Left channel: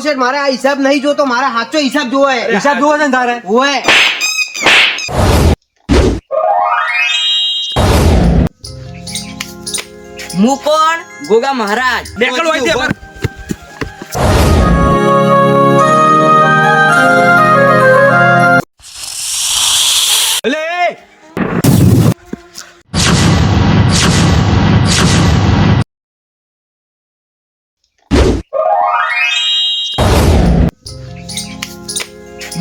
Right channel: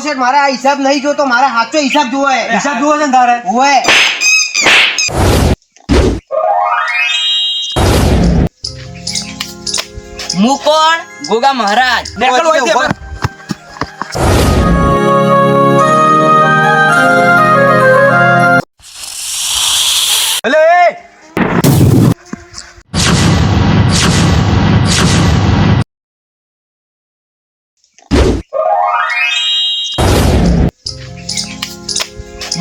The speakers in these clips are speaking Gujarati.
શેઠ મારે આ હિસાબ નહીં જોતો, મારે સાચો હિસાબ જોવો હે. હિસાબ જોવો છે ને તારે? ઓય હું કોણ? ગોગા મહારાજ. નેકળ હોય છે. અલે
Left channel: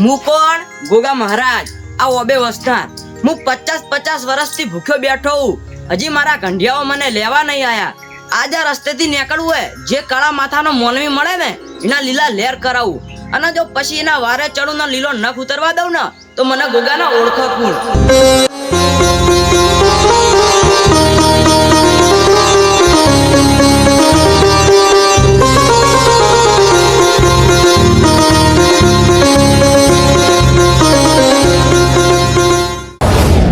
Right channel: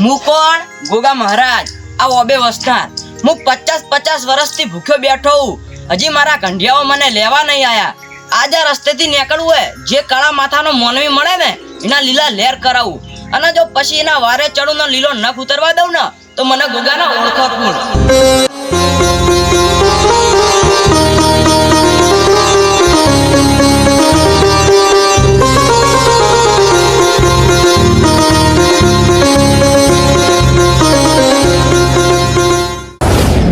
હું કોણ? ગોગા મહારાજ. આ ઓબે વસ્તાર. હું 50 વર્ષથી ભૂખ્યો બેઠો હું. હજી મારા કંઢિયાઓ મને લેવા નહીં આયા. આજ આ રસ્તેથી નીકળવું હોય, જે કાળા માથાનો મોનવી મળે ને એના લીલા લેર કરાવું, અને જો પછી એના વારે ચડું ને લીલો નખ ઉતરવા દઉં ને તો મને ગોગાના ઓળખો કોણ.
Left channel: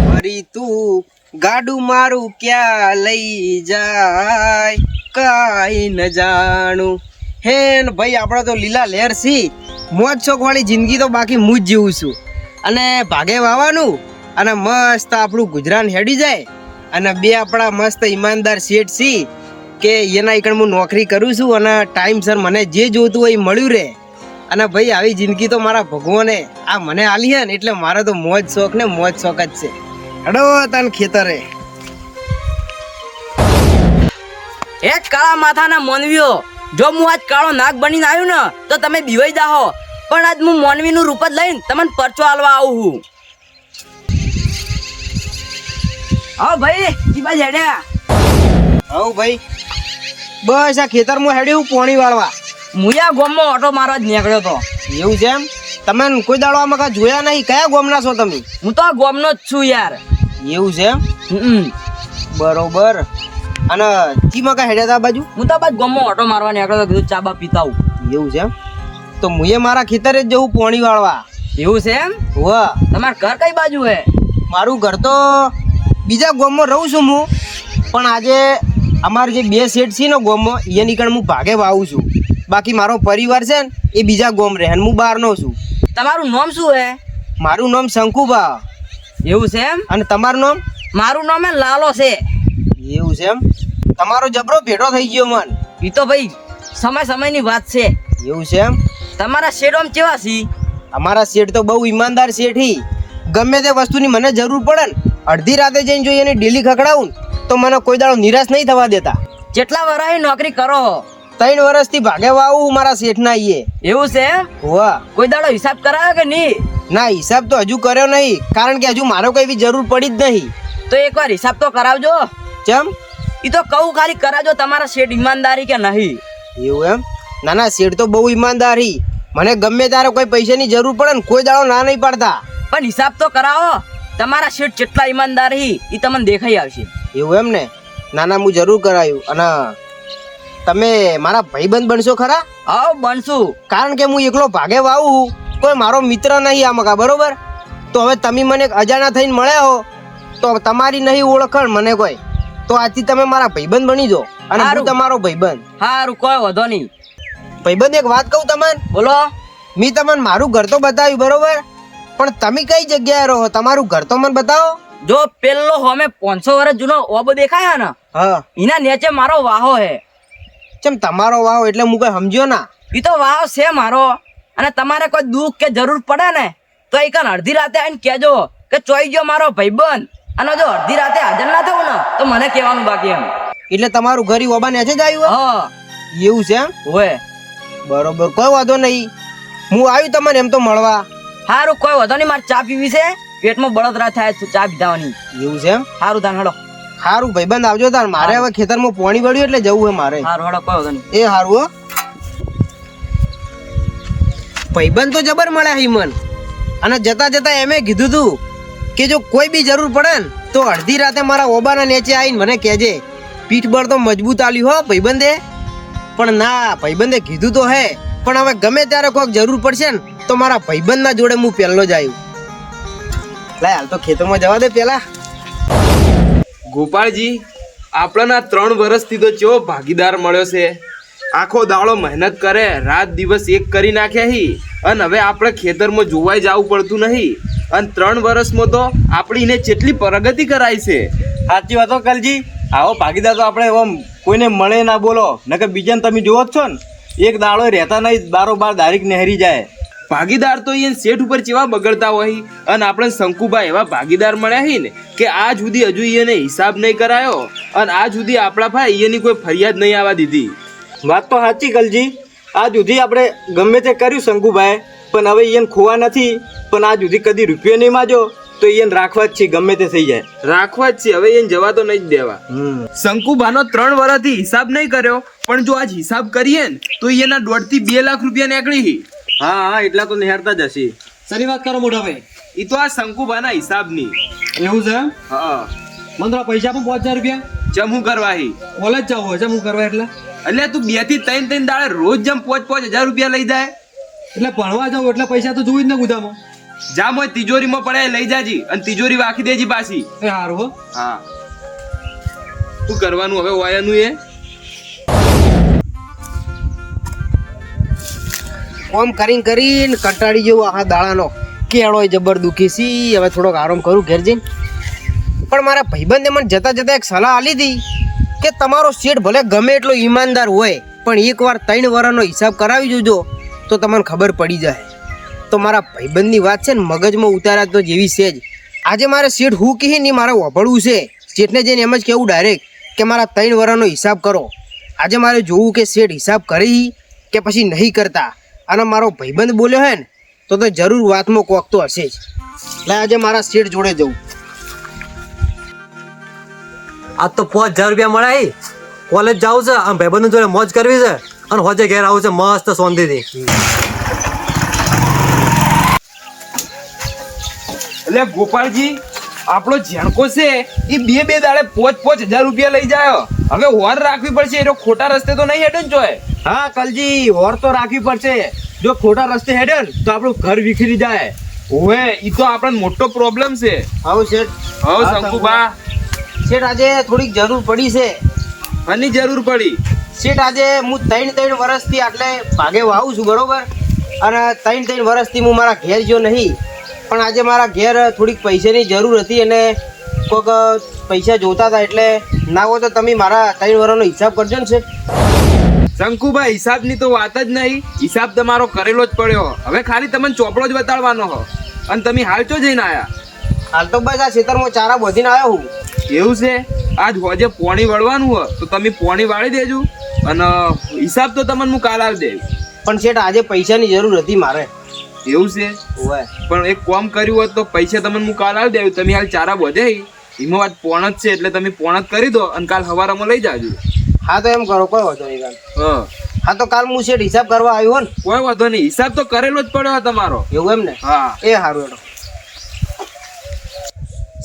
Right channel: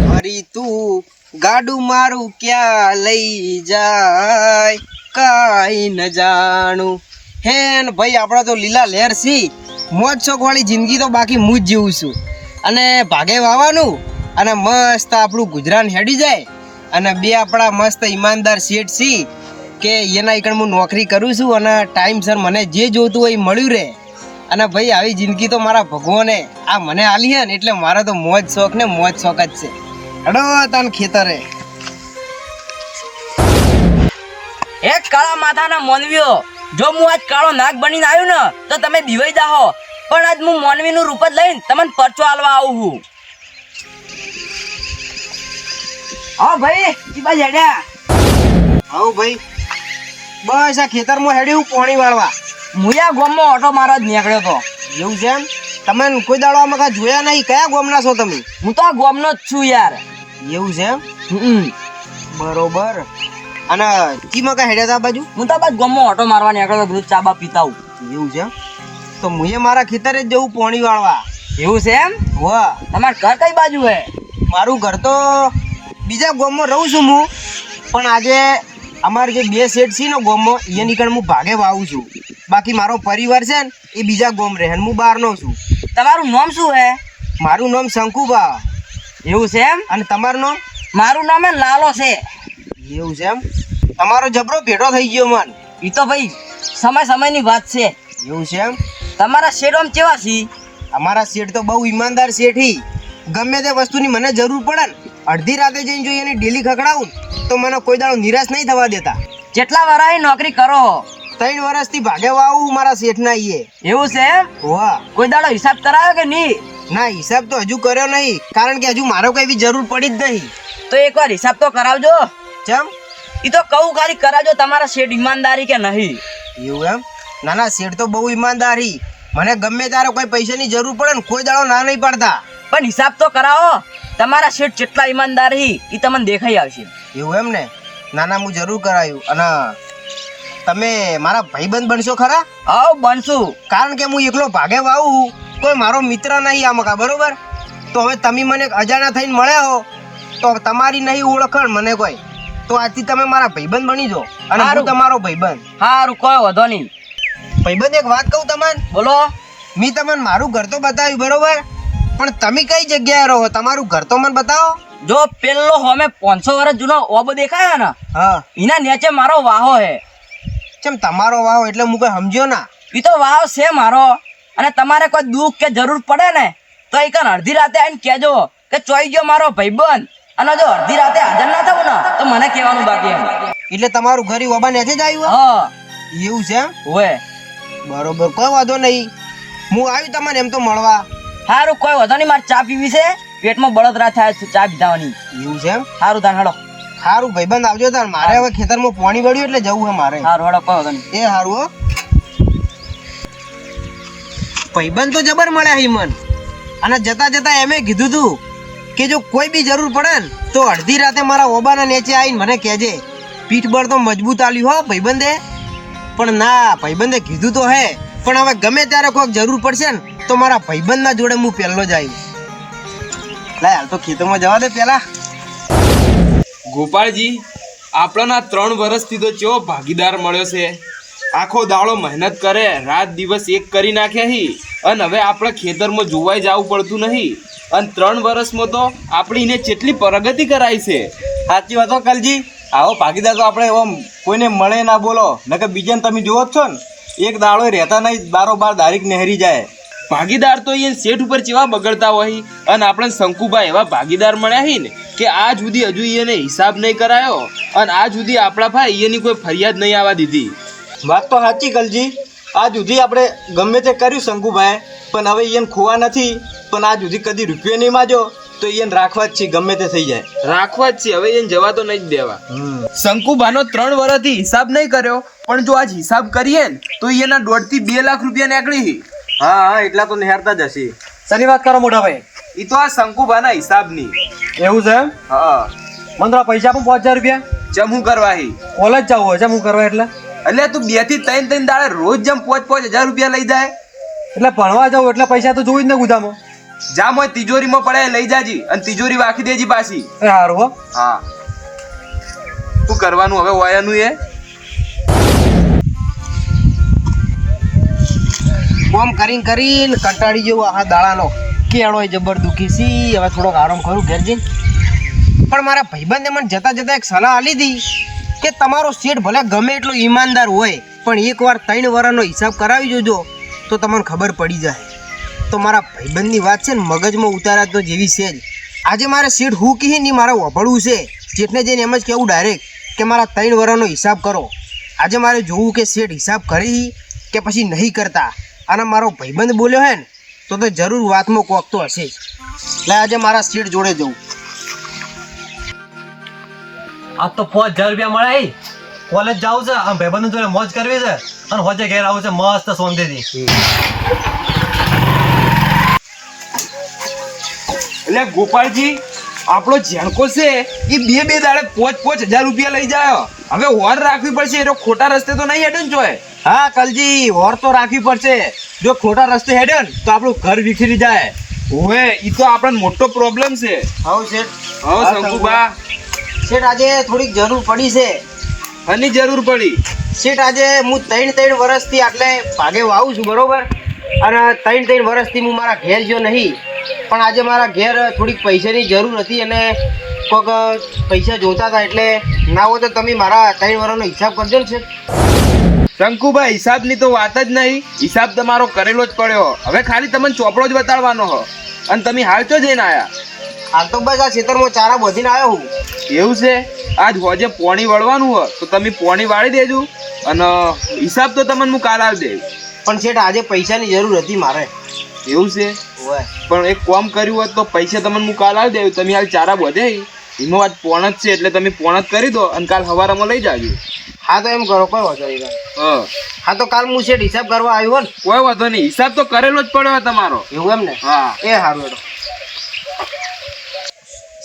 મારી તું ગાડું મારું ક્યાં લઈ જાય કાઈ ન જાણું. હેન ભાઈ આપણા તો લીલા લહેર સી, મોજ શોખ વાળી જિંદગી તો બાકી હું જ જીવું છું. અને ભાગે વાવાનું અને મસ્ત આપણું ગુજરાન હેડી જાય, અને બે આપણા મસ્ત ઈમાનદાર શેઠ સી કે એના એકણ હું નોકરી કરું છું, અને ટાઈમસર મને જે જોતું હોય એ મળ્યું રહે. અને ભાઈ આવી જિંદગી તો મારા ભગવાને આ મને આલી હે ને, એટલે મારે તો મોજ શોખ ને મોજ શોખ જ છે. અડો તન ખેતરે એક કાળા માથાના મોનવીઓ, જો હું આજ કાળો નાગ બનીને આવ્યો ને તો તમે બીવાઈ જાહો, પણ આજ હું મોનવીનું રૂપ જ લઈને તમને પરચો આલવા આવું હું. હા ભાઈ, ઈ બાજુ હેડ્યા. આવું ભાઈ બસ આ ખેતરમાં હેડ્યું પાણી વાળવા. મુયા ગોમમાં ઓટો મારવા જ નીકળ્યો તો. એવું છે એમ? તમે કોઈ દાડો આમાં કાંઈ જોયા નહીં? કયા ગોમના છો તમે? હું તો આ ગોમનો જ છું યાર. એવું છે એમ? બરોબર. અને કીમાં કાંઈ હેડ્યા હતા આ બાજુ? હું તો બસ ગોમમાં ઓટો મારવા નીકળ્યો તો, કીધું ચા બા પીતા આવું. એવું છે એમ? તો મુએ મારા ખેતરે જ જવું પાણી વાળવા. એવું છે એમ? વાહ, તમારું ઘર કઈ બાજુ હે? મારું ઘર તો બીજા ગામમાં રહું છું હું, પણ આજે અમારી જે બે શેઠ છે ને ગામમાં એ નીકળ હું ભાગે વાવું છું. બાકી મારો પરિવાર છે ને એ બીજા ગામ રહે, અને હું બહારનો છું. તમારું નામ શું હે? મારું નામ શંકુભા. એવું છે એમ? અને તમારું નામ? મારું નામ હે લાલો છે. એવું છે એમ? તમારો જબરો ભેટો થઈ ગયો મન. ઈ તો ભાઈ સમયની વાત છે. એવું છે એમ? તમારા શેરોમ કેવા છી? અમારા શેઠ તો બહુ ઈમાનદાર શેઠી. ગમે તે વસ્તુની મને જરૂર પડે ને, અડધી રાતે જઈને જો એને ડેલી ખકડાવું ને તો મને કોઈ દાડો નિરાશ નહીં થવા દેતા. કેટલા વર્ષની નોકરી કરો? 3 વર્ષથી ભાગે વાવું મારા શેઠના ઈએ. એવું છે એમ? વાહ. કોઈ દાડો હિસાબ કરાયો કે નહીં? ના, હિસાબ તો હજુ કર્યો નહીં, કારણ કે હજુ મારો કોઈ એવી જરૂર પડી જ નહીં. તો એકવાર હિસાબ તો કરાવજો. કેમ? ઈ તો કહું ખાલી કરાવજો, તમારા શેઠ ઈમાનદારી કે નહીં. એવું એમ? ના ના, શેઠ તો બહુ ઈમાનદારી. મને ગમે ત્યારે કોઈ પૈસાની જરૂર પડે ને કોઈ દાડો ના નહીં પડતા. પણ હિસાબ તો કરાવો. તમારા શેઠ કેટલા ઈમાનદાર હી ઈ તમને દેખાઈ આવશે. એવું એમ ને? ના ના, હું જરૂર કરાયું. અને તમે મારા ભાઈબંધ બનશો ખરા? આવ બનશું. કારણ કે હું એકલો ભાગે વાવું, કોઈ મારો મિત્ર નહીં આ મકા, બરોબર? તો હવે તમે મને અજાણ્યા થઈને મળ્યા હો તો તમારી નહીં ઓળખણ મને કોઈ, તો આજથી તમે મારા ભાઈબંધ બની જાઓ, અને હું તમારો ભાઈબંધ. હારું, કોઈ વાંધો નહીં. ભાઈબંધ એક વાત કહું તમને? બોલો. મેં તમને મારું ઘર તો બતાવ્યું, બરોબર? પણ તમે કઈ જગ્યાએ રહો? તમારું ઘર તો મને બતાવો. જો પેલો હોમે 500 વર્ષ જૂનો ઓબો દેખાય ને, હા, એના નીચે મારો વાહો હે. કેમ તમારો વાવ? એટલે હું કઈ સમજ્યો ના. ઈ તો વાવ છે મારો. અને તમારે કોઈ દુઃખ કે જરૂર પડે ને તો એક અડધી રાતે આવીને કહેજો કે ચોઈ ગયો મારો ભાઈબંધ, અને જો અડધી રાતે હાજર ના થવું ને તો મને કહેવાનું બાકી એમ. એટલે તમારું ઘર ઓબા ને જ આવ્યું? હા, એવું છે? હોય. બરોબર, કોઈ વાંધો નહીં. હું આવ્યું તમને એમ તો મળવા. હારું, કોઈ વાંધો નહીં. મારે ચા પીવી છે, પેટમાં બળતરા થાય છે ચા પીધાવાની. એવું છે એમ? હારું તાન હેડો. સારું ભાઈબંધ, આવજો તાર. મારે હવે ખેતરમાં પાણી વળ્યું એટલે જવું હે મારે. હારું હેડો, કોઈ વાંધો નહીં. એ હારું હો. ભાઈબંધ તો જબર મળ્યા હિમન. અને જતા જતા એમે કીધું તું કે જો કોઈ બી જરૂર પડે ને તો અડધી રાતે મારા ઓબાના નીચે આવીને મને કહેજે. પીઠબળ તો મજબૂત આલ્યું હો ભાઈબંધે. પણ ના, ભાઈબંધે કીધું તો હે, પણ હવે ગમે ત્યારે કોઈક જરૂર પડશે ને તો મારા ભાઈબંધના જોડે હું પહેલો જ આવ્યું. લાય હાલ તો ખેતરમાં જવા દે પેલા. ગોપાળજી, આપણને 3 વર્ષથી તો ચેવો ભાગીદાર મળ્યો છે. આખો દાડો મહેનત કરે, રાત દિવસ એક કરી નાખ્યા હી, અને હવે આપણે ખેતરમાં જોવાઈ જવું પડતું નહીં. અને 3 વર્ષમાં તો આપણી એને કેટલી પ્રગતિ કરાઈ છે. સાચી વાત હો કલજી. આવો ભાગીદાર તો આપણે આમ કોઈને મળે ના બોલો, નકર બીજાને તમે જોવો જ છો ને, એક દાડો રહેતા નહીં, બારોબાર દારીક નહેરી જાય. ભાગીદાર તો એ શેઠ ઉપર કેવા બગડતા હોય, અને આપણે શંકુભાઈ એવા ભાગીદાર મળ્યા હી ને કે આજ સુધી હજુ એને હિસાબ નહીં કરાયો, અને આજ સુધી આપણા ભાઈ એની કોઈ ફરિયાદ નહીં આવવા દીધી. વાત તો સાચી કલજી. આજ સુધી આપણે ગમે તે કર્યું શંકુભાઈ, પણ હવે એને ખોવા નથી, પણ આજ સુધી કદી રૂપિયો નહીં માજો તો એને રાખવા જ છે, ગમે તે થઈ જાય. રાખવા જ છે, હવે એને જવા તો નહીં જ દેવા. શંકુભાનો 3 વર્ષથી હિસાબ નહીં કર્યો, પણ જો આજ હિસાબ કરીએ ને તો એના 1.5 થી 2 લાખ રૂપિયા નીકળી. હા હા, એટલા તો નિહારતા જ હશે. શેની વાત કરો મોટા ભાઈ? એ તો આ શંકુભાના હિસાબની. એવું છે એમ? હા. મને તો પૈસા પણ 5000 રૂપિયા જમું કરવા હી. કોલેજ જવું હોય જમું કરવા એટલે? એટલે તું 2 થી 3 દાડે રોજ જમ 5,000 રૂપિયા લઈ જાય. એટલે ભણવા જાવ એટલે પૈસા તો જોઈ જ ને ગુદામાં. જામ હોય તિજોરીમાં પડે લઈ જાજી, અને તિજોરી વાખી દેજી પાછી. એ હારું હો. હા. શું કરવાનું હવે વાયાનું એ? કોમ કરીને કરીને કંટાળી જેવું આખા દાડાનો કેળો જબર દુખી સી. હવે થોડોક આરામ કરું ઘેર જઈને. પણ મારા ભાઈબંધે મને જતા જતા એક સલાહ આલી હતી કે તમારો શેઠ ભલે ગમે એટલો ઈમાનદાર હોય, પણ એકવાર 3 વર્ષનો હિસાબ કરાવી જોજો તો તમને ખબર પડી જાય. તો મારા ભાઈબંધની વાત છે ને મગજમાં ઉતારા તો જેવી છે જ. આજે મારે શેઠ હું કહી નહીં મારે વાપરવું છે. શેઠને જઈને એમ જ કહેવું ડાયરેક્ટ કે મારા 3 વર્ષનો હિસાબ કરો. આજે મારે જોવું કે શેઠ હિસાબ કરી કે પછી નહીં કરતા. અને મારો ભાઈબંધ બોલ્યો હે ને તો જરૂર વાતમાં કોક તો હશે જ. એટલે આજે મારા શેઠ જોડે જવું. આજ તો 5000 રૂપિયા મળ્યા. કોલેજ જાવું છે, આમ ભાઈબંધ જોડે મોજ કરવી છે, અને હોજે ઘેર આવું છે મસ્ત શાંતિથી. એટલે ગોપાલજી, આપણો ઝેણકો છે એ 2 દાડે 5,000 રૂપિયા લઈ જાય. હવે હોર રાખવી પડશે, એ ખોટા રસ્તે તો નહીં હેડે ને જોય. હા કલજી, વોર તો રાખવી પડશે. જો ખોટા રસ્તે હેડે ને તો આપણું ઘર વિખરી જાય. ઓવે, ઈ તો આપણને મોટો પ્રોબ્લેમ છે. આવું શેઠ. હા શંકુભા. શેઠ આજે થોડીક જરૂર પડી છે. આની જરૂર પડી. શેઠ આજે હું 3 વર્ષથી આટલે ભાગે વાવું છું, બરોબર? અને 3 વર્ષથી હું મારા ઘેર ગયો નહીં, પણ આજે મારા ઘેર થોડીક પૈસાની જરૂર હતી અને કોઈક પૈસા જોતા હતા, એટલે ના હોય તો તમે મારા 3 વર્ષનો હિસાબ કરજો ને શેઠ. શંકુભાઈ, હિસાબની તો વાત જ નહીં. હિસાબ તમારો કરેલો જ પડ્યો. હવે ખાલી તમને ચોપડો જ બતાડવાનો હો. અને તમે હાલ ચો જઈને આયા? હાલ તો બસ આ ખેતરમાં ચારા બોધીને આવ્યો હું. એવું છે? આજ હોજે પોણી વળવાનું હોય તો તમે પોણી વાળી દેજો, અને હિસાબ તો તમને હું કાલ આવી દે. પણ શેઠ આજે પૈસાની જરૂર હતી મારે. એવું છે? ઓય. પણ એક કામ કર્યું હોત તો પૈસા તમને હું કાલ આવી દેવું. તમે હાલ ચારા બધે એમાં આજ પોણ જ છે, એટલે તમે પોણ જ કરી દો અને કાલ સવારમાં લઈ જાજો. હા તો એમ કરો, કોઈ વાંધો નહીં. હા હા તો કાલ હું શેઠ હિસાબ કરવા આવ્યો ને. કોઈ વાંધો નહીં, હિસાબ તો કરેલો જ પડ્યો તમારો. એવું એમ ને? હા. એ સારું હેડો.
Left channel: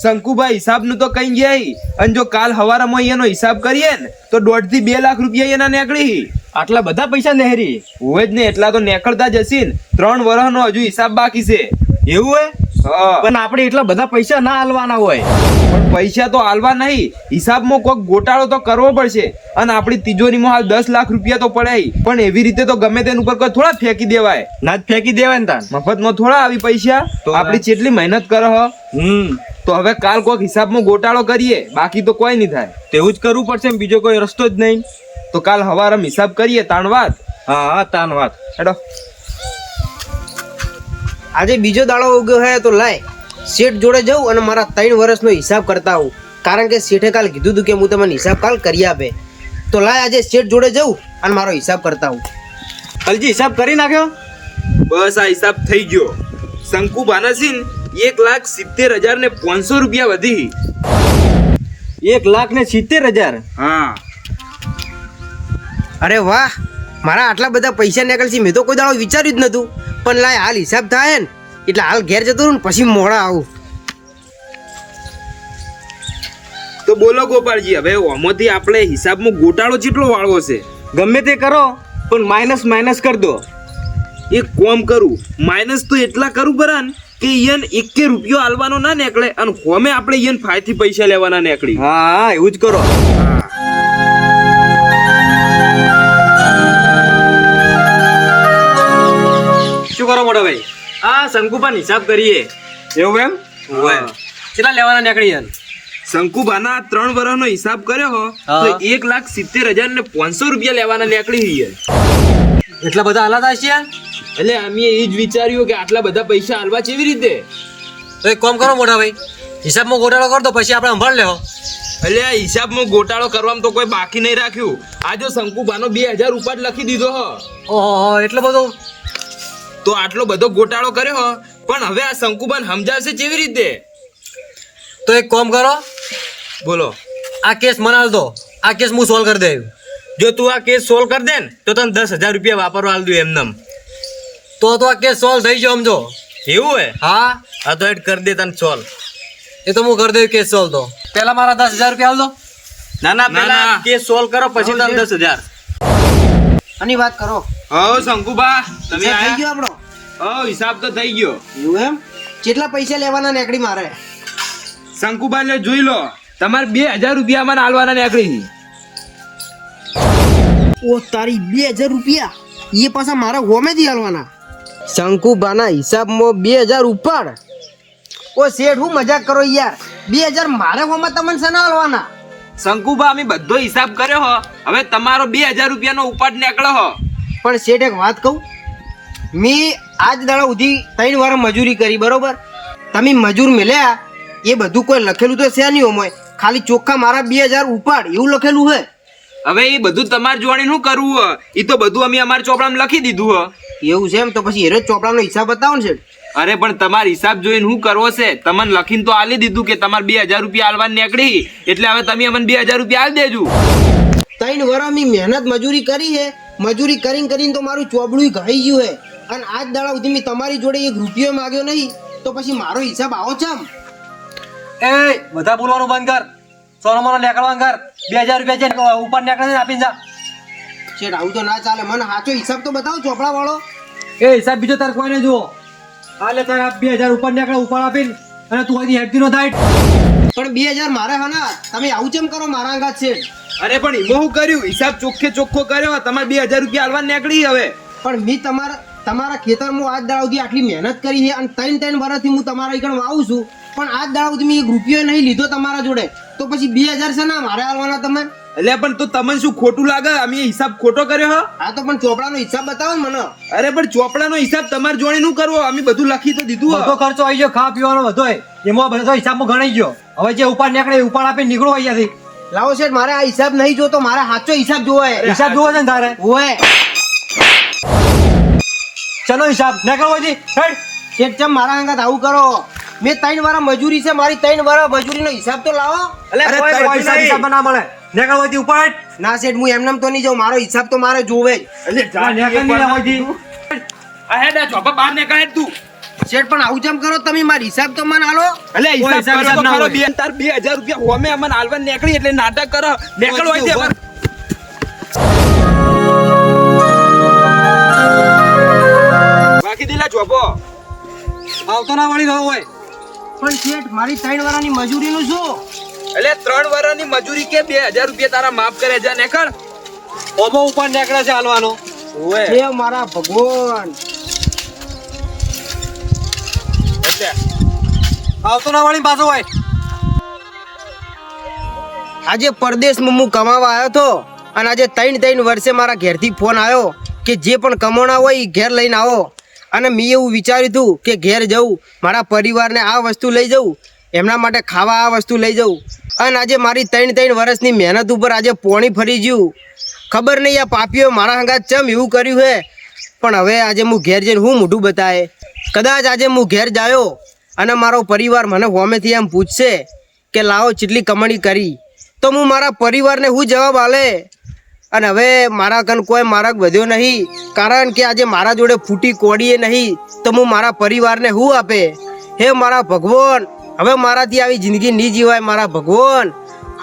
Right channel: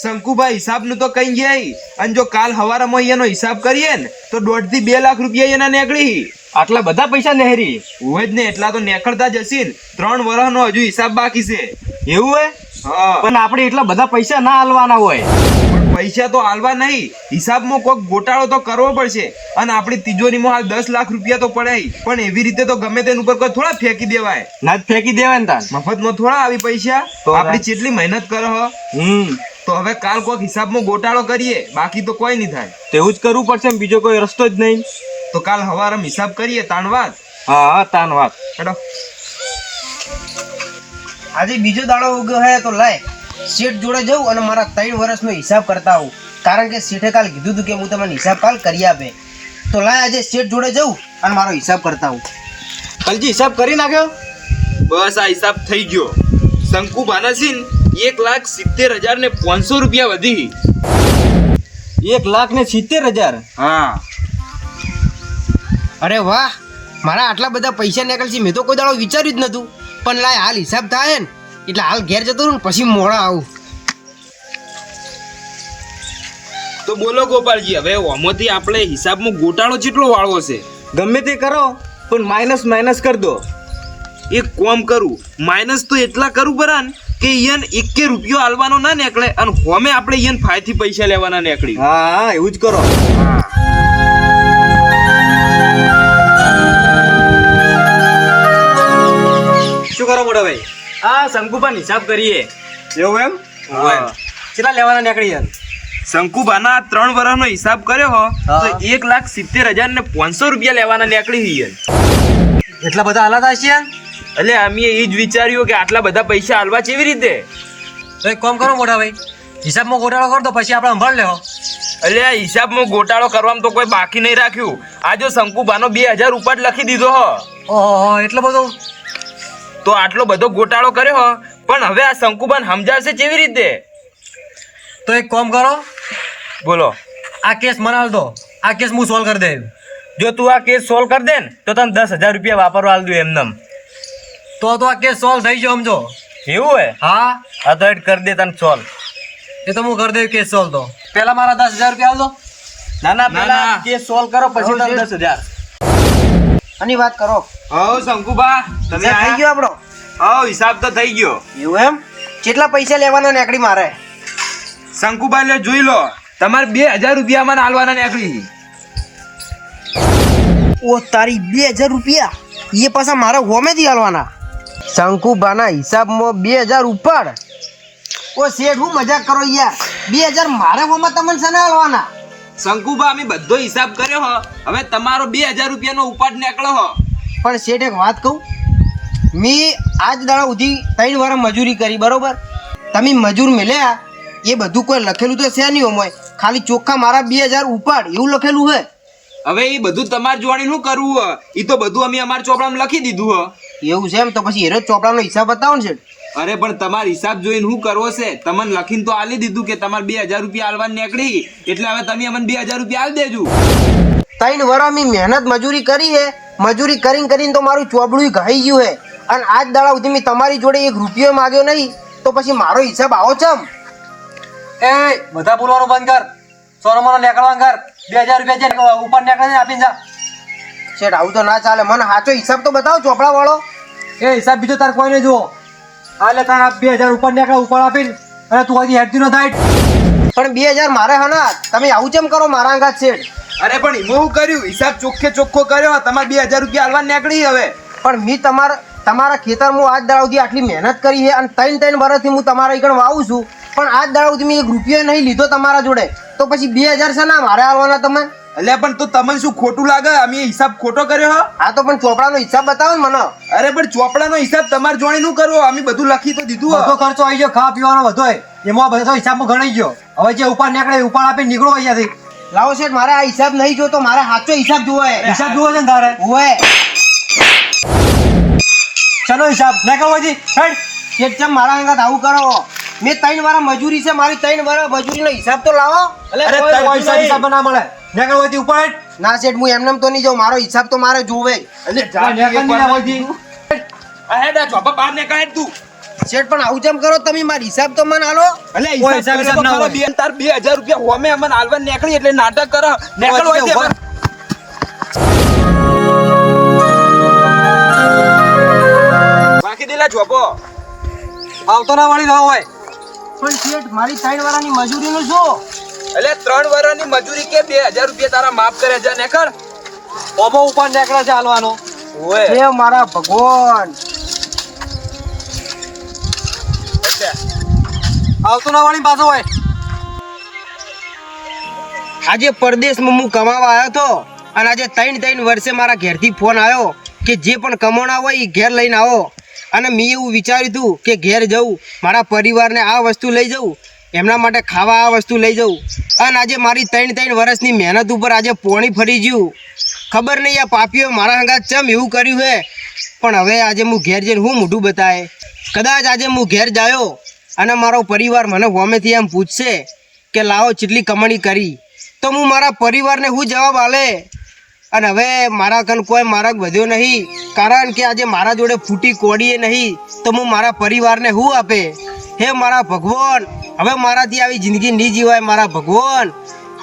શંકુભાઈ, હિસાબનું તો કઈ ગયા, અને જો કાલ સવારમાં એનો હિસાબ કરીએ ને તો 1.5 થી 2 લાખ રૂપિયા એના નીકળી. આટલા બધા પૈસા નહેરી હોય જ ને, એટલા તો નીકળતા જ હશે ને. 3 વર્ષનો હજુ હિસાબ બાકી છે. એવું હોય? હા. પણ આપણે એટલા બધા પૈસા ના હાલવાના હોય. પણ પૈસા તો હાલવા નહીં, હિસાબમાં કોઈક ગોટાળો તો કરવો પડશે. અને આપણી તિજોરીમાં હાલ 10 લાખ રૂપિયા તો પડ્યા, પણ એવી રીતે તો ગમે તેના ઉપર કોઈ થોડા ફેંકી દેવાય. ના જ ફેંકી દેવાય ને તાન. મફતમાં થોડા આવી પૈસા. તો આપણી કેટલી મહેનત કરે હ. તો હવે કાલ કોઈક હિસાબમાં ગોટાળો કરીએ, બાકી તો કોઈ નહીં થાય. તેવું જ કરવું પડશે, બીજો કોઈ રસ્તો જ નહીં. તો કાલ સવારે હિસાબ કરીએ, તાણ વાત. હા હા, તાન વાત. હેડો. આજે બીજો દાડો ઉગ્યો હે તો લાય શેઠ જોડે જવું અને મારા 3 વર્ષનો હિસાબ કરતા આવું. કારણ કે શેઠે કાલ કીધું હતું કે હું તમને હિસાબ કાલ કરી આપે. તો લાય આજે શેઠ જોડે જવું અને મારો હિસાબ કરતા આવું. કલજી હિસાબ કરી નાખ્યો? બસ આ હિસાબ થઈ ગયો. શંકુભાના સિંહ 1,70,500 રૂપિયા વધી. 1,70,000? હા. અરે વાહ, મારા આટલા બધા પૈસા નીકળશે મેં તો કોઈ દાડો વિચાર્યું જ નતું. પણ લાય હાલ હિસાબ થાય ને એટલે હાલ ઘેર જતો રહું ને પછી મોડા આવું. તો બોલો ગોપાલજી, હવે ઓમાંથી આપણે હિસાબમાં ગોટાળો કેટલો વાળવો છે? ગમે તે કરો, પણ માઇનસ કરી દો. એક કામ કરું, માઇનસ તો એટલા કરું બરાન કે ઈયન 1 રૂપિયો આલવાનો ના નીકળે, અને હોમે આપણે ઈયન ફાયથી પૈસા લેવાના નીકળી. હા, એવું જ કરો. હા. શું કરો મોટો ભાઈ? આ શંકુપાન હિસાબ કરીએ. એવું એમ? હા. કેટલા લેવાના નીકળી યાર? શંકુબાના 3 વર્ષનો હિસાબ કર્યો હો તો હા. 1,70,500 રૂપિયા લેવાના નીકળી હી. એટલા બધા હાલાત હશે યાર? એટલે અમે એ જ વિચાર્યું કે આટલા બધા પૈસા હાલવા કેવી રીતે. તો એક કામ કરો મોટા ભાઈ, હિસાબમાં ગોટાળો કર દો, પછી આપણે સંભાળ લેવો. એટલે આ હિસાબમાં ગોટાળો કરવામાં તો કોઈ બાકી નહીં રાખ્યું. આ જો શંકુબાનો 2,000 રૂપિયા જ લખી દીધો હો, ઓહો, એટલો બધો? તો આટલો બધો ગોટાળો કર્યો હો. પણ હવે આ શંકુબાન સમજાવશે કેવી રીતે? તો એક કામ કરો, બોલો. આ કેસ મને આલ દો, આ કેસ હું સોલ્વ કરી દઉં. જો તું આ કેસ સોલ્વ કરી દે ને તો તને 10,000 રૂપિયા વાપરવા આલ દઉં એમનેમ. તો આ કેસ સોલ્વ થઈ ગયો સમજો. એવું હે? હા, હા તો એડ કરી દે તને સોલ્વ. એ તો હું કરી દઉં કેસ સોલ્વ. તો પહેલા મારા 10,000 રૂપિયા આલ દો. ના ના, પેલા કેસ સોલ્વ કરો પછી હા, તને 10,000. આની વાત કરો. હા શંકુબા, તમે હિસાબ થઈ ગયો આપણો? હા, હિસાબ તો થઈ ગયો. એવું એમ? કેટલા પૈસા લેવાના નીકળી મારે? શંકુબા લે જોઈ લો, તમારે 2,000 રૂપિયા મને આલવાના નીકળી. ઓ તારી 2,000 રૂપિયા એ પાછા મારે હોમેથી આલવાના? શંકુબાના હિસાબમાં 2,000 ઉપર? ઓ શેઠ, હું મજાક કરો યાર. 2,000 મારે હોમાં તમને શેના આલવાના? શંકુબા અમે બધો હિસાબ કર્યો હો, હવે તમારો 2,000 રૂપિયાનો ઉપાડ નીકળો હો. પણ શેઠ એક વાત કહું, મેં આજ દાડા સુધી 3 વાર મજૂરી કરી, બરોબર? તમે મજૂર મેલ્યા એ બધું કોઈ લખેલું તો છે નહીં હોય, ખાલી ચોખ્ખા મારા 2,000 ઉપાડ એવું લખેલું હે. હવે એ બધું તમારે જોવાની શું કરવું હો, એ તો બધું અમે અમારા ચોપડામાં લખી દીધું હો. એવું છે એમ? તો પછી એનો ચોપડાનો હિસાબ બતાવો ને શેઠ. અરે પણ તમારે હિસાબ જોઈને શું કરવો છે? તમને લખીને તો આલી દીધું કે તમારે 2,000 રૂપિયા આલવા નીકળી, એટલે હવે તમે અમને 2,000 રૂપિયા આલી દેજો. 3 વાર મેં મહેનત મજૂરી કરી હે, મજૂરી કરીને તો મારું ચોપડું ઘાઈ ગયું હે, અને આજ દાડા સુધી મેં તમારી જોડે 1 રૂપિયો માગ્યો નહીં, તો પછી મારો હિસાબ આવો ચમ? એ બધા બોલવાનું બંધ કર, સોનો મોનો નીકળવાનું કર. 2,000 રૂપિયા છે ઉપર નીકળે આપીને જા. શેઠ આવું તો ના ચાલે, મને સાચો હિસાબ તો બતાવો ચોપડા વાળો. એ હિસાબ બીજો તાર કોઈ નહીં જુઓ. હાલે તારા 2,000 ઉપર નીકળે, ઉપર આપીને, અને તું અહીંથી હેડતી નો થાય. પણ 2,000 મારે હના, તમે આવું ચમ કરો મારા અંગાત શેઠ? અરે પણ એમાં શું કર્યું? હિસાબ ચોખ્ખો કર્યો, તમારે 2,000 રૂપિયા આલવા નીકળી. હવે પણ મેં તમારા ખેતરમાં આજ દાડા સુધી આટલી મહેનત કરી છે, અને 3 વર્ષથી હું તમારા આગળ વાવું છું, પણ આજ દાડા સુધી મેં 1 રૂપિયો નહીં લીધો તમારા જોડે, તો પછી 2,000 છે ના મારે આલવાના તમે? એટલે પણ તો તમને શું ખોટું લાગે? અમે હિસાબ ખોટો કર્યો હો? હા તો પણ ચોપડાનો હિસાબ બતાવો ને મને. અરે પણ ચોપડાનો હિસાબ તમારે જોઈને શું કરવો? અમે બધું લખી તો દીધું બધો હો. ખર્ચો આવી ગયો, ખાવા પીવાનો બધો એમાં બધો હિસાબમાં ગણાઈ ગયો. હવે જે ઉપર નીકળે ઉપર આપીને નીકળો અહીંયાથી. લાવો શેઠ, મારે આ હિસાબ નહીં જોતો, મારે સાચો હિસાબ જોવો હે. હિસાબ જોવો છે ને તારે? ઓય ચલો હિસાબ નીકળો અહીંથી. હેડ. શેઠ ચમ મારા અંગાત આવું કરો? મેં 3 વાર મજૂરી છે, મારી 3 વાર મજૂરીનો હિસાબ તો લાવો. અરે કોઈ તઈ હિસાબ નહીં. હિસાબ ના મળે. નીકળો અહીંથી ઉપર હેડ. ના શેઠ, હું એમનેમ તો નહીં જાઉં, મારો હિસાબ તો મારે જોવે જ. એટલે આ નીકળ નહીં ના અહીંથી. આ હેડ, આ ચોપા બહાર નીકળ હેડ તું. શેઠ પણ આવું ચમ કરો તમે? મારો હિસાબ તો મને આલો. એટલે કોઈ હિસાબ હિસાબ કર્યો તો ના ખરો. હોય. તાર 2,000 રૂપિયા હોમે અમને આલવા નીકળી એટલે નાટક કરો. નીકળો અહીંથી હવે. બાકી દિલા ચોપો. આવતો ના વાળી ના હોય. પણ શેઠ મારી 3 વારની મજૂરીનું શું? એટલે 3 વર્ષની મજૂરી કે 2,000 રૂપિયા તારા માફ કરે છે નીકળ. ઓબો ઉપર નીકળે છે હાલવાનો. ઓય હે મારા ભગવાન, એટલે આવતો ના વાળી પાછો હોય. આજે પરદેશમાં હું કમાવા આવ્યો હતો, અને આજે 3 વર્ષે મારા ઘેરથી ફોન આવ્યો કે જે પણ કમાણા હોય એ ઘેર લઈને આવો. અને મેં એવું વિચાર્યું હતું કે ઘેર જવું, મારા પરિવારને આ વસ્તુ લઈ જવું, એમના માટે ખાવા આ વસ્તુ લઈ જવું. અને આજે મારી 3 વર્ષની મહેનત ઉપર આજે પોણી ફરી ગયું. ખબર નહીં આ પાપીઓ મારા હંગાત ચમ એવું કર્યું હે. પણ હવે આજે હું ઘેર જઈને હું મોઢું બતાવે? કદાચ આજે હું ઘેર જાયો અને મારો પરિવાર મને હોમેથી એમ પૂછશે કે લાવો ચેટલી કમાણી કરી, તો હું મારા પરિવારને શું જવાબ આલે? અને હવે મારા કન કોઈ માર્ગ વધ્યો નહીં, કારણ કે આજે મારા જોડે ફૂટી કોડીએ નહીં, તો હું મારા પરિવારને શું આપે? હે મારા ભગવાન, હવે મારાથી આવી જિંદગી નહીં જીવાય મારા ભગવાન.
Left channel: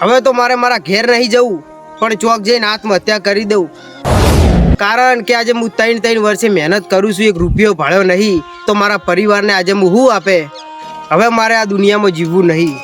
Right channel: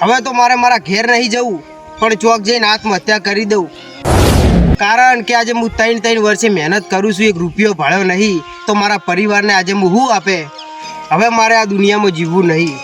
હવે તો મારે મારા ઘેર નહીં જવું, પણ ચોક જઈને આત્મહત્યા કરી દઉં. કારણ કે આજે હું 3 વર્ષે મહેનત કરું છું, 1 રૂપિયો ભાળ્યો નહીં, તો મારા પરિવારને આજે હું શું આપે? હવે મારે આ દુનિયામાં જીવવું નહીં.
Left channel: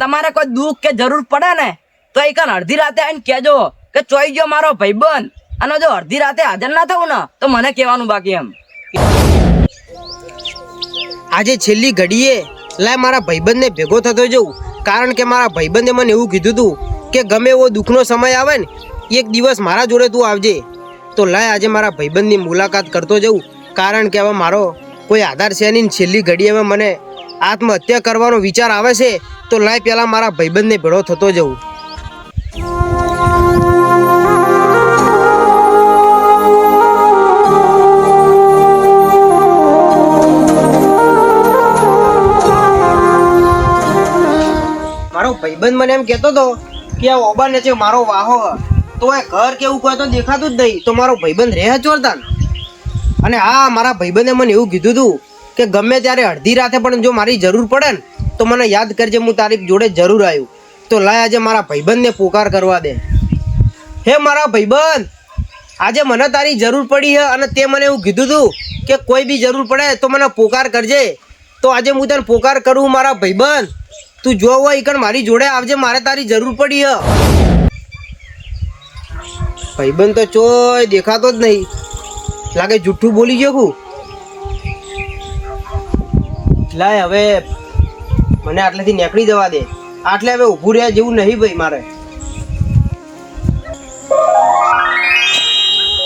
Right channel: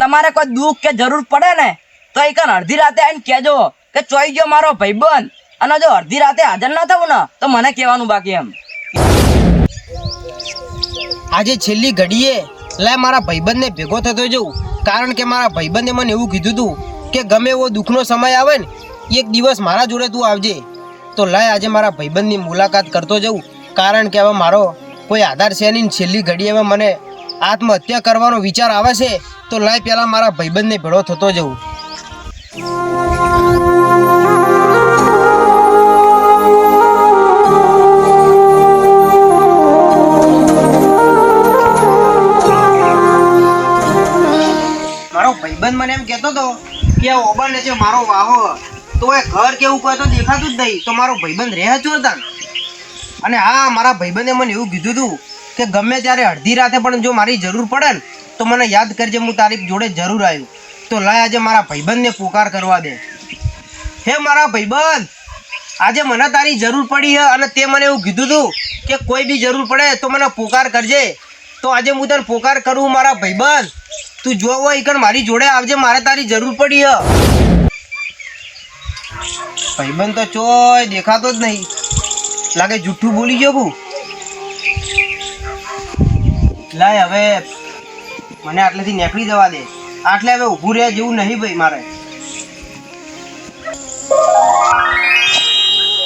તમારે તમારે કોઈ દુઃખ કે જરૂર પડે ને તો એક અડધી રાતે આવીને કહેજો કે ચોઈ ગયો મારો ભાઈબંધ, અને જો અડધી રાતે હાજર ના થવું ને તો મને કહેવાનું બાકી એમ. આજે છેલ્લી ઘડીએ લાય મારા ભાઈબંધને ભેગો થતો જઉં, કારણ કે મારા ભાઈબંધે મને એવું કીધું હતું કે ગમે એવો દુઃખનો સમય આવે ને એક દિવસ મારા જોડે તું આવજે. તો લાય આજે મારા ભાઈબંધની મુલાકાત કરતો જઉં, કારણ કે હવે મારો કોઈ આધાર છે નહીં. છેલ્લી ઘડીએ હવે મને આત્મહત્યા કરવાનો વિચાર આવે છે, તો લાય પહેલાં મારા ભાઈબંધને ભેળો થતો જઉં. મારો ભાઈબંધ મને એમ કહેતો હતો કે આ ઓબાને છે મારો વાહો, તો એ ઘર કેવું કોઈ તો દેખાતું જ નહીં. તો મારો ભાઈબંધ રહે ચોરતા. અને હા, મારા ભાઈબંધે મને એવું કીધું હતું કે ગમે ત્યારે અડધી રાતે પણ જો મારી જરૂર પડે ને તો મને યાદ કરજે, હું તારી જોડે જરૂર આવ્યું. તો લાય આજે મારા ભાઈબંધને પોકાર કરવા દે. હે મારા ભાઈબંધ, આજે મને તારી જરૂર પડી છે અને તે મને એવું કીધું હતું કે કોઈ બી જરૂર પડે તો મને પોકાર કરજે. તો આજે હું તને પોકાર કરું મારા ભાઈબંધ, તું જો હોય ઈકણ મારી જોડે આવજે, મારે તારી જરૂર પડી હ. ભાઈબંધ તો ચોય દેખાતો જ નહીં, લાગે જુઠ્ઠું બોલી ગયો હું. લાય હવે મને આટલેથી નીકળી જવા દે, આટલે હવે ઊભું રહ્યા જેવું નહીં ભાઈ મારે.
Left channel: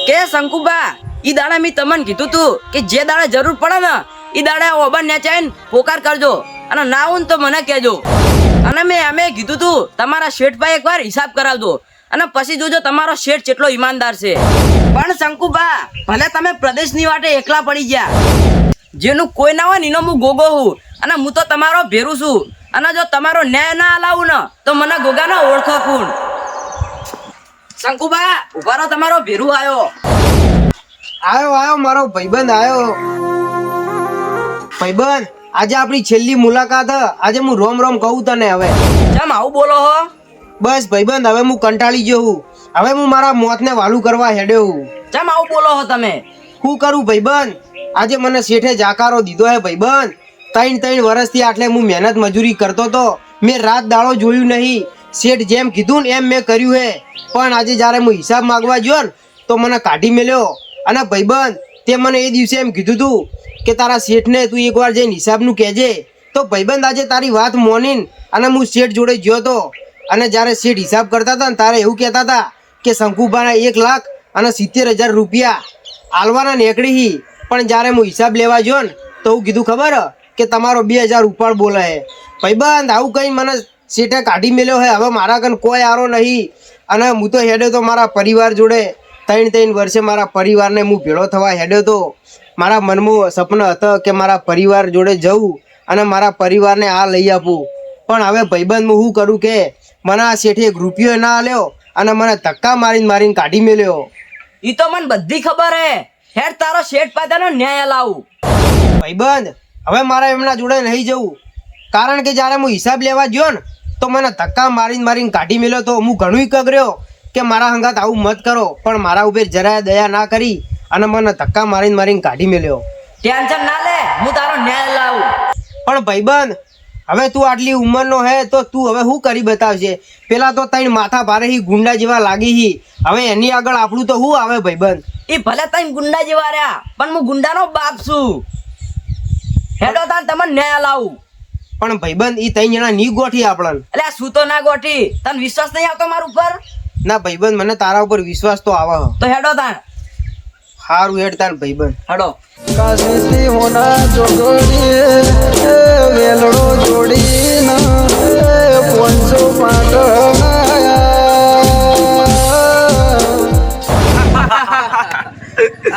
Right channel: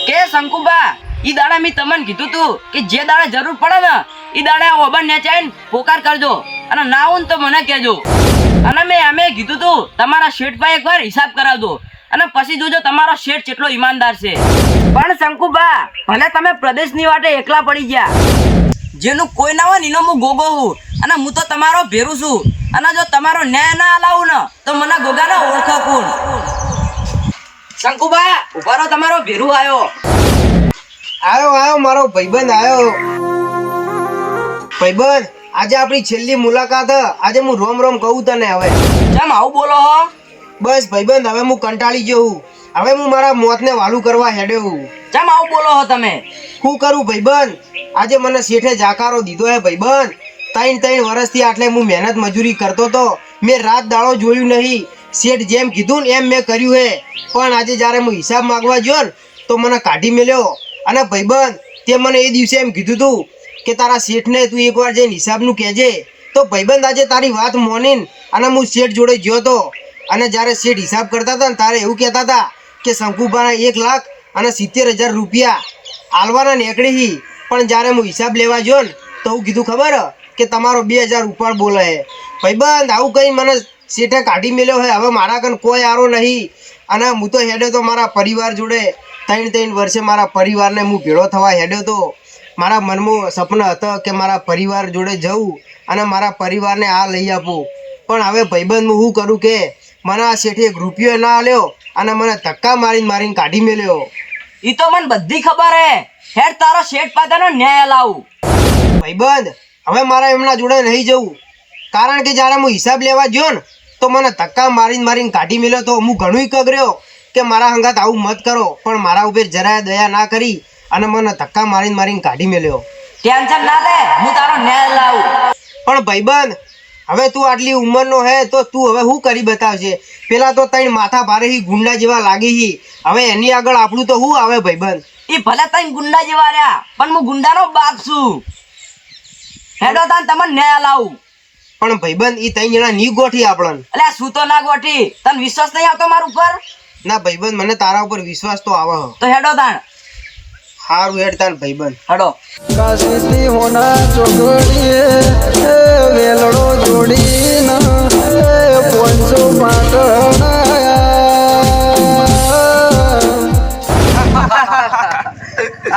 કે શંકુબા, ઈ દાડે મેં તમને કીધું તું કે જે દાડે જરૂર પડે ને ઈ દાડે ઓબન નેચાઈને પોકાર કરજો, અને ના આવું ને તો મને કહેજો. અને મેં એમે કીધું તું તમારા શેઠભાઈ એકવાર હિસાબ કરાવજો, અને પછી જોજો તમારો શેઠ કેટલો ઈમાનદાર છે. પણ શંકુબા, ભલે તમે પ્રદેશની વાટે એકલા પડી ગયા, જેનું કોઈ ના હોય એનો હું ગોગો હું, અને હું તો તમારો ભેરું છું. અને જો તમારો ન્યાય ના હલાવું ને તો મને ગોગાનો ઓળખો કોણ. શંકુબા ઉભા રહો, તમારો ભેરું આવ્યો. આવ્યો મારો ભાઈબંધ આવ્યો. ભાઈબંધ, આજે આપણી છેલ્લી મુલાકાત હ. આજે હું રોમ રોમ કહું તને. હવે કેમ આવું બોલો હો? બસ ભાઈબંધ, હવે હું કંટાળી ગયો હું. હવે હું મારા મોતને વાલું કરવા હેડ્યો હું. કેમ આવું બોલો હો તમે? શું કરું ભાઈબંધ, આજે મને શેઠે જાકારો દીધો હે ભાઈબંધ. 3 વર્ષથી આટલે હું મહેનત મજૂરી કરતો તો, મેં રાત દાડો જોયું નહીં. શેઠ જેમ કીધું ને એમ મેં કર્યું હે, પણ આજે જ્યારે હું હિસાબ માંગવા ગયો ને તો મને કાઢી મેલ્યો. અને ભાઈબંધ, તે મને એ દિવસે એમ કીધું તું કે તારા શેઠને તું એકવાર જઈને હિસાબનું કહેજે. તો ભાઈબંધ, આજે તારી વાત મોનીને અને હું શેઠ જોડે ગયો હતો, અને જ્યારે શેઠ હિસાબ કરતા હતા ને તારે એવું કહેતા હતા કે શંકુભાને 1,70,000 રૂપિયા આલવાના નીકળી. પણ જ્યારે હું હિસાબ લેવા ગયો ને તો હું કીધું ખબર કે તમારો 2,000 ઉપર બોલે હે. ભાઈબંધ, આવું કંઈ મને શેઠે કાઢી મેલ્યો હે. હવે મારા કન કોઈ આરો નહીં, અને હું તો હેડ્યો તો મારા પરિવાર જોડે. 3 વર્ષે મારા પરિવારને હું ભેળો થવા હેડ્યો તો. મારા મનમાં સપનું હતું કે મારા પરિવાર જોડે જવું અને મારા પરિવારને આ લઈ આપું. પણ હવે ભાઈબંધ, હું શું કરું કે મને આ શેઠે 1 રૂપિયો ના આલ્યો અને મને ધક્કા મારીને કાઢી મેલ્યો. ઈ તો મને બધી ખબર હે. હેડ તારો શેઠ પાસેનો ન્યાય લાવું. ભાઈબંધ, હવે મારા એમના જોડે નહીં જવું, કારણ કે જ્યારે હું હિસાબ લેવા ગયો ને તો મને ધક્કા મારીને કાઢી મેલ્યો. તો હું ઘણું કગર્યો કે મારા હંગાત આવું મત કરો, પણ મારા ઉપર જરાય દયા ના કરી અને મને ધક્કા મારીને કાઢી મેલ્યો. ટેન્શન ના લે, હું તારો ન્યાય લાવું. પણ ભાઈબંધ, હવે તું આટલી ઉંમરનો હે તો તું હવે શું કરી બતાવશે? પેલા તો 3 માથા ભારે હી, ગુંડા જેવા લાગી હી. હવે એની આગળ આપણું તો શું આવે ભાઈબંધ? ઈ ભલે તઈ ગુંડા જેવા રહ્યા, પણ હું ગુંડાનો બાપ છું. હેડો તાન તમને ન્યાય લાવું. પણ ભાઈબંધ, ઈ 3 જણા ની ગોઠી આપણને. એટલે શું તો ના ગોઠી, તને વિશ્વાસ નહીં આવતો મારા ઉપર? ના ભાઈબંધ, મને તારા ઉપર વિશ્વાસ તો આવે. તો હેડો તાણ. સારું હેડ તાન ભાઈબંધ. હેડો. કાશીથી હોના ચોગડીએ વેલડો જોડીને 500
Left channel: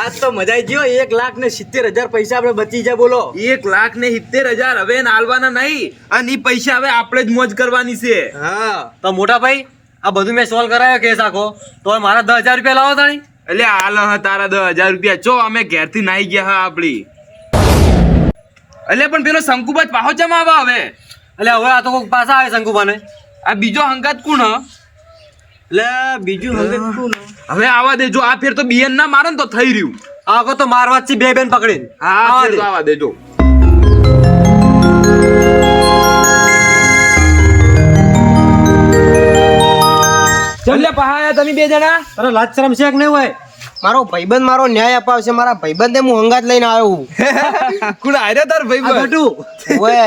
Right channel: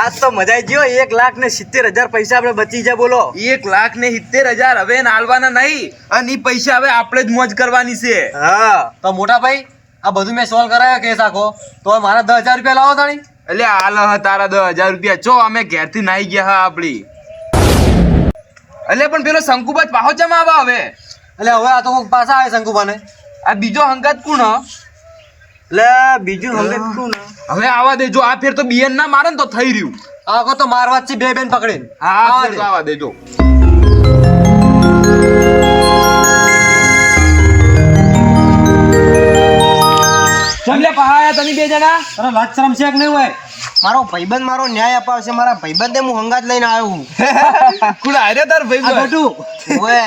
આજ તો મજા આવી ગયો. 1,70,000 પૈસા આપણે બચી જાય. બોલો, 1,70,000 હવે નાલવાના નહીં, અને ઈ પૈસા હવે આપણે જ મોજ કરવાની છે. હા તો મોટા ભાઈ, આ બધું મેં સોલ્વ કરાયો કેસ આખો. તો મારા 10,000 રૂપિયા લાવો તાણી. એટલે હાલ હ તારા 10,000 રૂપિયા ચો અમે ઘેરથી નાઈ ગયા હા આપડી. એટલે પણ પેલો શંકુબાજ પાહો ચમ આવા હવે? એટલે હવે આ તો કોઈક પાછા આવે શંકુભાને. આ બીજો હંગાત કોણ હ? એટલે બીજું હવે શું ને, હવે આવા દેજો. આ ફેર તો બિયન ના મારે ને તો થઈ રહ્યું. આખો તો મારવા જ છે, 2 બેન પકડીને. હા, ફેર તો આવા દેજો. આયા તમે બે જણા? અરે લાજ શરમ છે કે નહીં હોય? મારો ભાઈબંધ મારો ન્યાય અપાવશે. મારા ભાઈબંધને હું હંગાત લઈને આવ્યો હું. કોણ આયરો તાર ભાઈ આ ગટુ ઓવે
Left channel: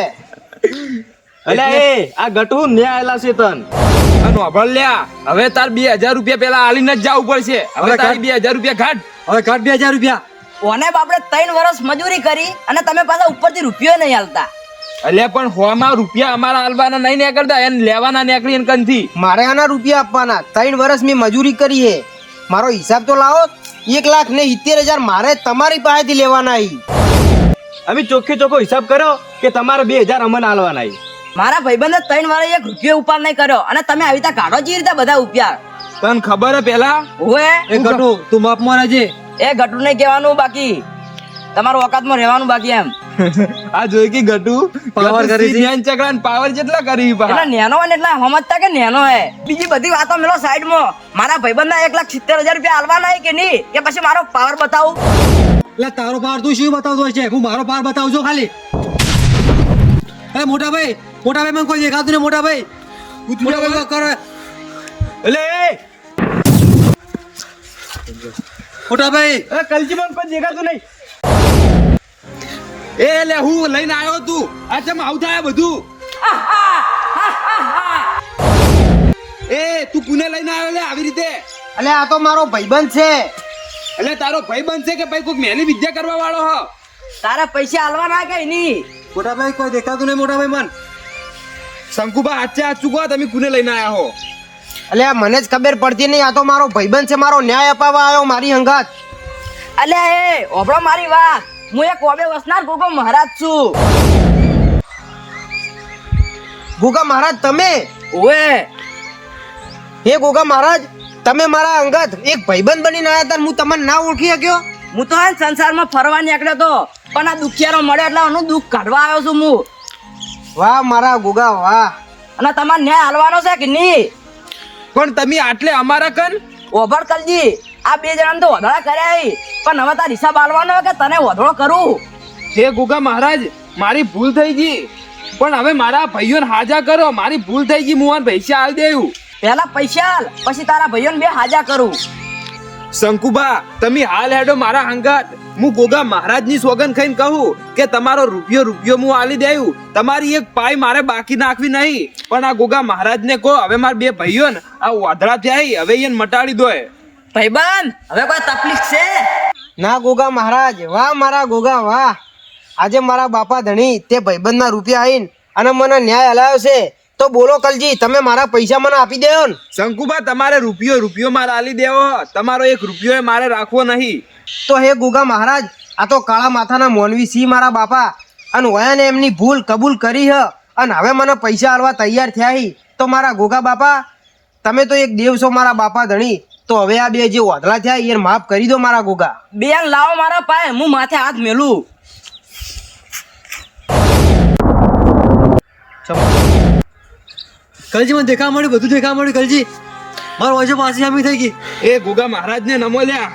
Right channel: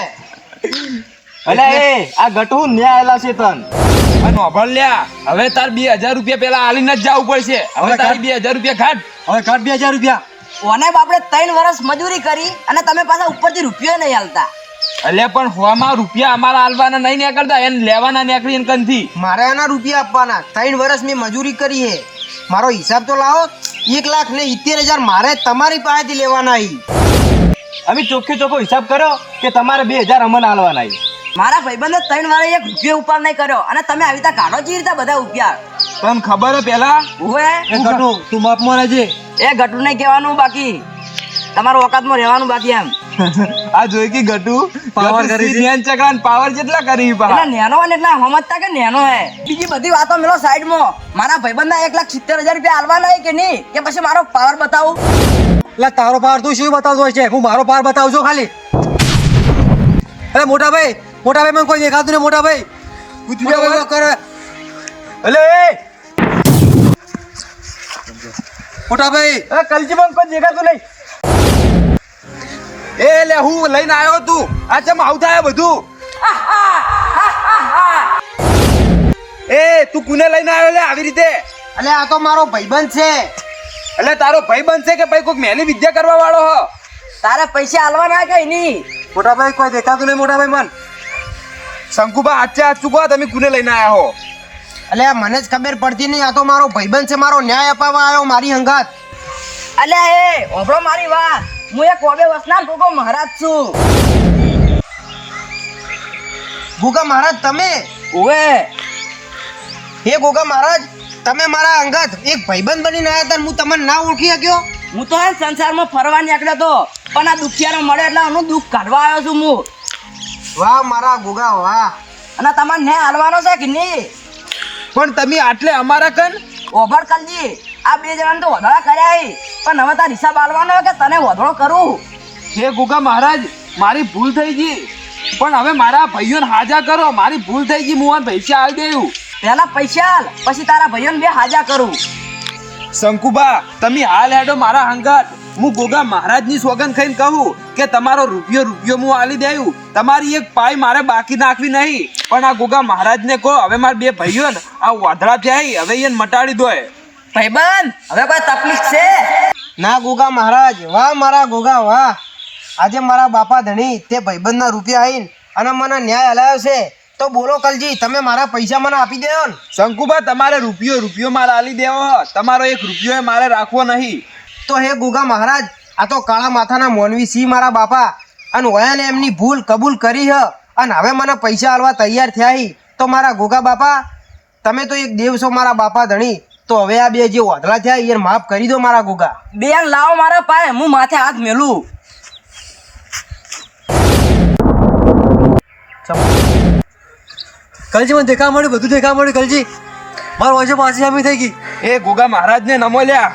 અલ્યા એ આ ગટુ ન્યા આયેલા છે તન. અને વાપર લ્યા, હવે તાર 2000 રૂપિયા પેલા આલીને જ જવું પડશે. હવે હવે તારી 2000 રૂપિયા ઘાટ. હવે કાઢ 2000 રૂપિયા. ઓને બાપડે 3 વર્ષ મજૂરી કરી અને તમે પાછા ઉપરથી રૂપિયો નહીં હાલતા. અલ્યા પણ હોમાં રૂપિયા અમારા આલવાના નહીં નીકળતા, એને લેવાના નીકળી એને કંથી. મારે આના રૂપિયા આપવાના. 3 વર્ષ મેં મજૂરી કરી હે. મારો હિસાબ તો લાવો. 1,70,000 મારે તમારી પાસેથી લેવાના હી. અમે ચોખ્ખે ચોખ્ખો હિસાબ કર્યો કે તમારે 2000 અમને આલવાના છે. મારા ભાઈબંધે 3 વારે 1 રૂપિયો ઉપાડ નહીં કર્યો અને તમે આવી રીતે કાઢો જ રીતે બધા રૂપિયા. તને ખબર હે પેલા? ઓએ એ ગટુ તું માપમાં રહેજે. એ ઘટું નહીં કહેવાનું બાકી, તમારું ઓકાતમાં રહેવાનું બાકી એમ. આ જોઈ કે ગટુ પાવર કરી છે. ધ્યાન ચકરાન પાવર જેટલા કરી પા. એટલે નેનો હોય ને એટલે સમજતા કે નેનો હે. બીજી બધી વાતો મેલો સાઈડમાં. મારા ભાઈબંધના 1,70,000 રૂપિયા આલવાના હે કે નહીં, કે પછી મારો પાવર બતાવું? એટલે તારો પાર તું શું બતાવતો હોય છે? હું મારો પાર બતાવજો ખાલી. અરે મોટા ભાઈ મને કોઈ દેખાતું નહીં. મોટા ભાઈ કરે એટલે મોટા ભાઈ કલજી પણ કોઈ દેખાતું નહીં. એ લે હું લઈને આવ્યો તું. આ ચમ આવું થાય બધું? એ તું કુને લઈને આવ્યો લે આવી રીતે? એટલે આ તો મારો ભાઈબંધ છે. એટલે તારો ભાઈ બનશે કે ભાઈ કોઈક મેલી વિદ્યા કરવા વાળો હ? તારે પૈસા આલવાના કે નહીં? મોટા ભાઈ કોઈ દેખાતું નહીં. મોટા ભાઈ મન શંકુબા આચે આ ચૂકો તમે કુને લઈને આયા હો? એટલે આ મને જ ખબર પડતી નહીં. આ તો મારો ભાઈબંધ છે. મારો ન્યાય અપાવવા આવ્યો મારી હંગાત. અલ્યા એ ઓભળો મારી વાત. હું એક ઓબે વસનાર ગોગો મહારાજ છું. ગોગા મહારાજ તમે? ઓએ હે ગોગા મહારાજ, તમે મારા અંગત એક ભાઈબંધ બનીને આવ્યા હતા. હું તમને ના ઓળખી શક્યો? હું તો હે ને સંસારમાં ફરવા નીકળ્યો તો, પણ આ દુખિયારો મળે એટલે એનું દુઃખ કાઢવા આવ્યો છું હું. વાહ મારા ગોગા વાહ. અને તમારે ન્યાય હાલવાનો છે કે નહીં? પણ તમે આટલે અમારા કન? ઓભળ કલજી, આ 2 જણાને તો વધોળા કર્યા હી, પણ હવે તાર હિસાબ આલવાનો હોય કે તને વધોળો કરું? હે ગોગા મહારાજ, મારી ભૂલ થઈ ગઈ, પણ હવે મારા ભાઈઓને હાજા કરો. મારી ભૂલ થઈ ગઈ, હું આ પૈસા આલી દેવું. પહેલા પૈસા આલ, પછી તારા ભાઈઓને 2 હાજા કરું. શંકુબા તમે હાલ હેડો મારા હંગાત. હું ગોગા મહારાજની સોગન ખાઈને કહું કે તમારો રૂપિયો હું આલી દેવું. તમારી એક પાઈ મારે બાકી નાખવી નહીં. પણ આ ગોગા મહારાજને કહો હવે મારા 2 ભાઈઓને આ વાધડા થયા હવે એને મટાડી દો. ભાઈબંધ હવે કોઈ તકલીફ છે? ના ગોગા મહારાજ, વાહ મારા ગોગા વાહ. આજે મારા બાપા ધણી તે ભાઈબંધના રૂપિયા આવીને અને મને ન્યાય હલાવ્યો છે. તો બોલો કલજી, તમે મારા પૈસા મને આપી દેવો ને? શંકુબા તમારે રૂપિયો મારે આલી દેવો. તમારો 1 રૂપિયો મારે રાખવો નહીં. તો હે ગોગા મહારાજ, આ તો કાળા માથાના મોનવી સી મારા બાપા, અને વયાને એમની ભૂલ કબૂલ કરી હ અને હવે મને પૈસા આલવા તૈયાર થયા હી. તો મારા ગોગા બાપા, તમે તો એક દેવ છો મારા બાપા ધણી. તો હવે આ 2 જે વાદળા થયા એ માફ કરી દો મારા ગોગા. બેન લાવો મારા પાય, હું માથે હાથ મેલું. કલજી મને દેખા મળ્યું, બધું દેખા મળ્યું. કલજી મારો વાંચો પાછી સામી થઈ ગઈ. એ ગોગા મહારાજને નમો લ્યા.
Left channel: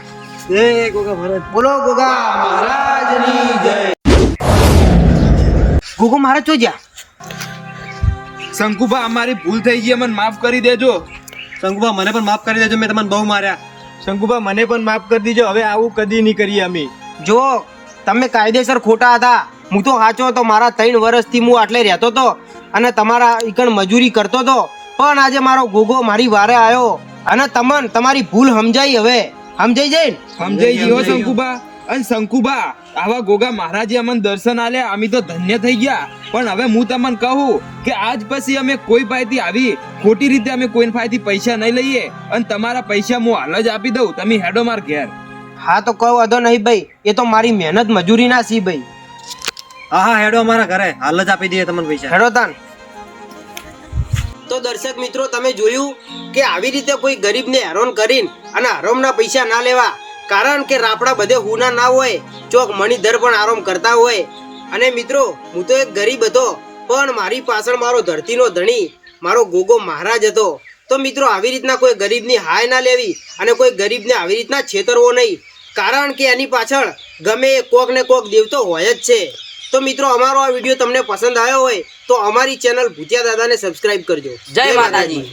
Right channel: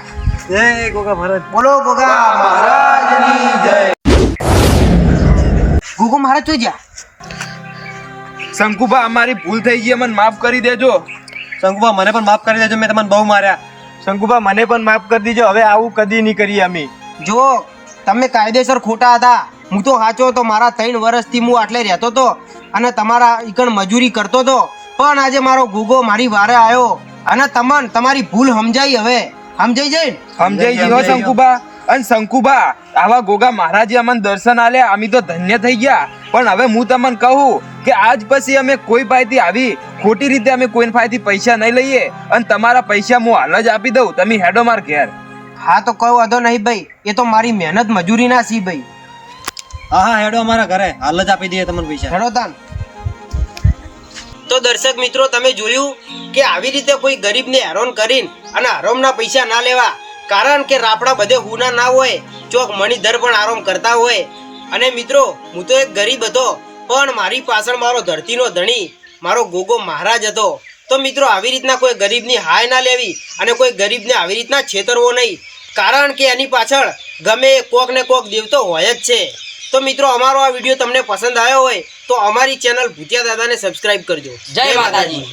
જય ગોગા મહારાજ. બોલો ગોગા મહારાજની જય. ગોગો મહારાજ તો જા. શંકુબા અમારી ભૂલ થઈ ગઈ, મને માફ કરી દેજો. શંકુબા મને પણ માફ કરી દેજો, મેં તમને બહુ માર્યા. શંકુબા મને પણ માફ કરી દેજો, હવે આવું કદી નહીં કરીએ અમે. જો તમે કાયદેસર ખોટા હતા. હું તો સાચો હતો. મારા 3 વર્ષથી હું આટલે રહેતો હતો અને તમારા ઈકણ મજૂરી કરતો હતો. પણ આજે મારો ગોગો મારી વારે આવ્યો અને તમને તમારી ભૂલ સમજાઈ. હવે સમજાઈ જાય ને? સમજાઈ ગયો શંકુબા. અને શંકુબા આવા ગોગા મહારાજે અમને દર્શન આલ્યા, અમે તો ધન્ય થઈ ગયા. પણ હવે હું તમને કહું કે આજ પછી અમે કોઈ પાસેથી આવી ખોટી રીતે અમે કોઈ પાસેથી પૈસા નહીં લઈએ. અને તમારા પૈસા હું હાલ જ આપી દઉં. તમે હેડો માર ઘેર. હા તો કોઈ વાંધો નહીં ભાઈ, એ તો મારી મહેનત મજૂરી ના સી ભાઈ. હા હેડો અમારા ઘરે, હાલ જ આપી દઈએ તમને પૈસા. હેડો તાન. તો દર્શક મિત્રો, તમે જોયું કે આવી રીતે કોઈ ગરીબને હેરાન કરીને અને હરામના પૈસા ના લેવા. કારણ કે રાપડા બધે હુના ના હોય, ચોક મણીધર પણ આરામ કરતા હોય. અને મિત્રો, હું તો એક ગરીબ હતો, પણ મારી પાછળ મારો ધરતીનો ધણી મારો ગોગો મહારાજ હતો. તો મિત્રો, આવી રીતના કોઈ ગરીબની હાય ના લેવી અને કોઈ ગરીબને આવી રીતના છેતરવો નહીં. કારણ કે એની પાછળ ગમે કોક ને કોક દેવતો હોય જ છે. તો મિત્રો, અમારો આ વિડીયો તમને પસંદ આવ્યો હોય તો અમારી ચેનલ ભૂતિયા દાદાને સબસ્ક્રાઇબ કરજો. જય માતાજી.